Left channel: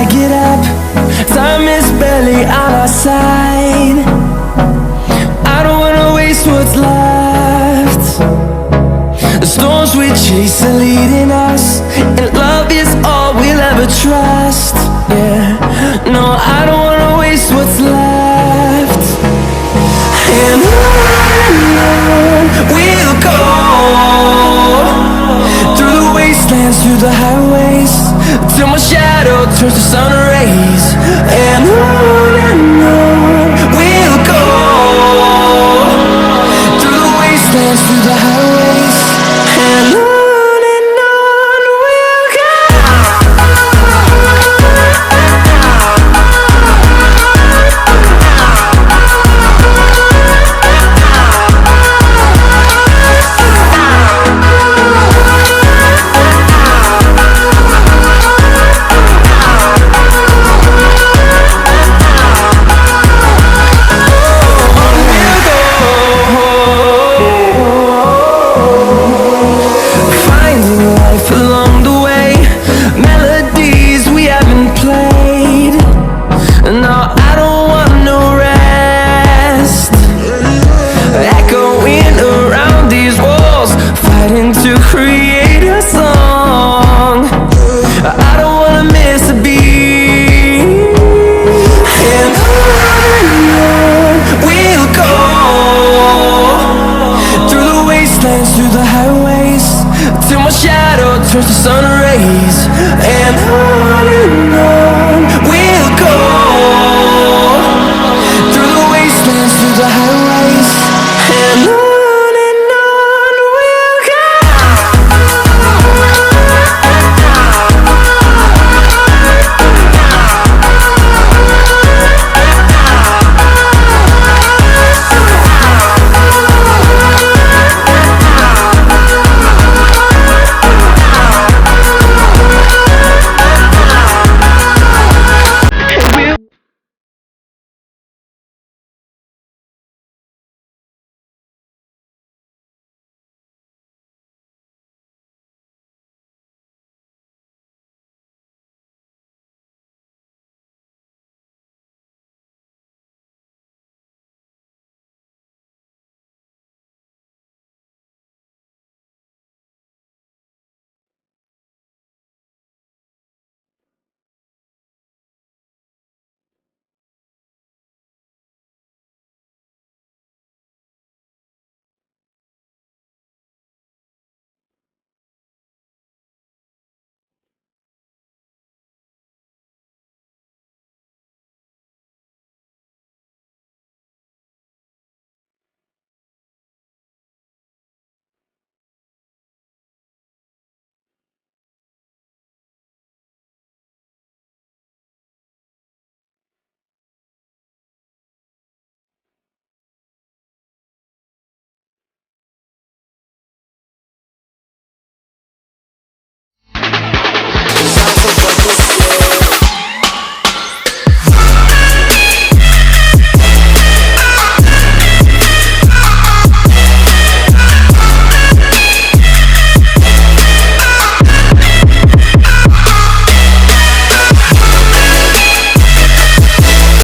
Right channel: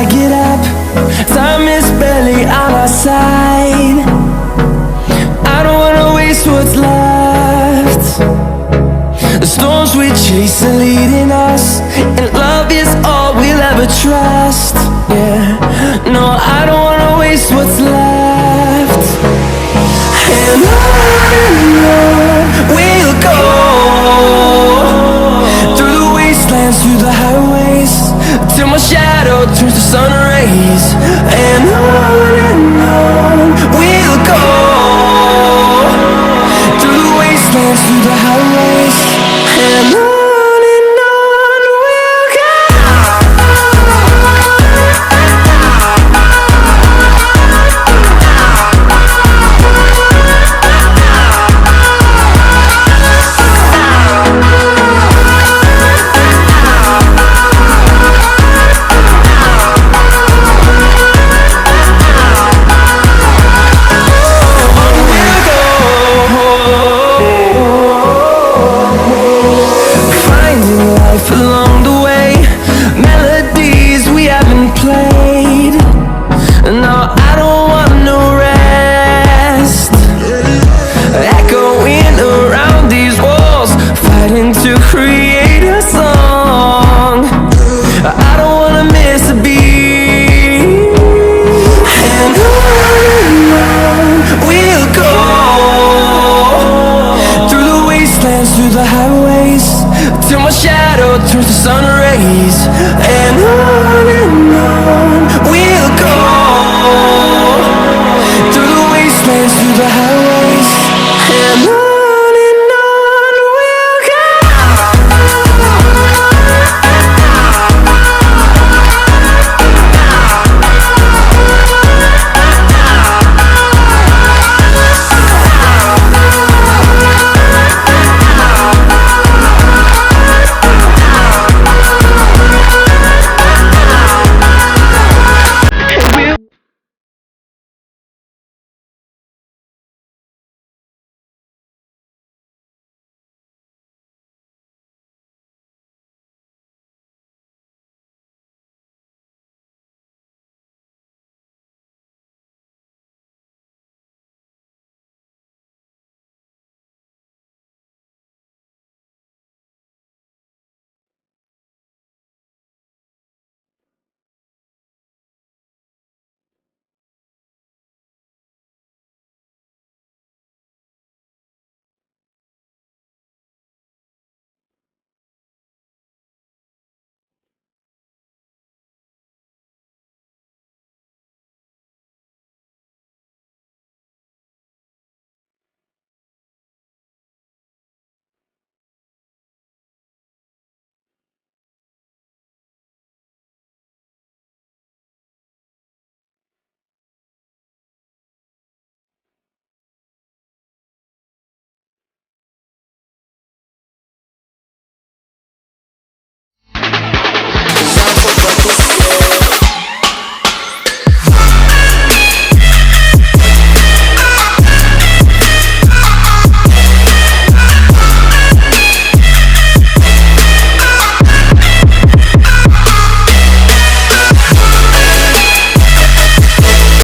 I get up, time is barely on our side. I don't wanna waste what's left. The storms we chase are leading us, and love is all we'll ever trust. Yeah, no, I don't wanna waste what's left. And on we'll go, through the wastelands, through the highways, till my shadow turns to sun rays. And on we'll go, through the wastelands, through the highways, and on. Along the way, melodies we haven't played. No, I don't want no rest. Echoing around these walls, fighting to create a song. I don't wanna miss a beat. And on we'll go, through the wastelands, through the highways, till my shadow turns to sun rays. And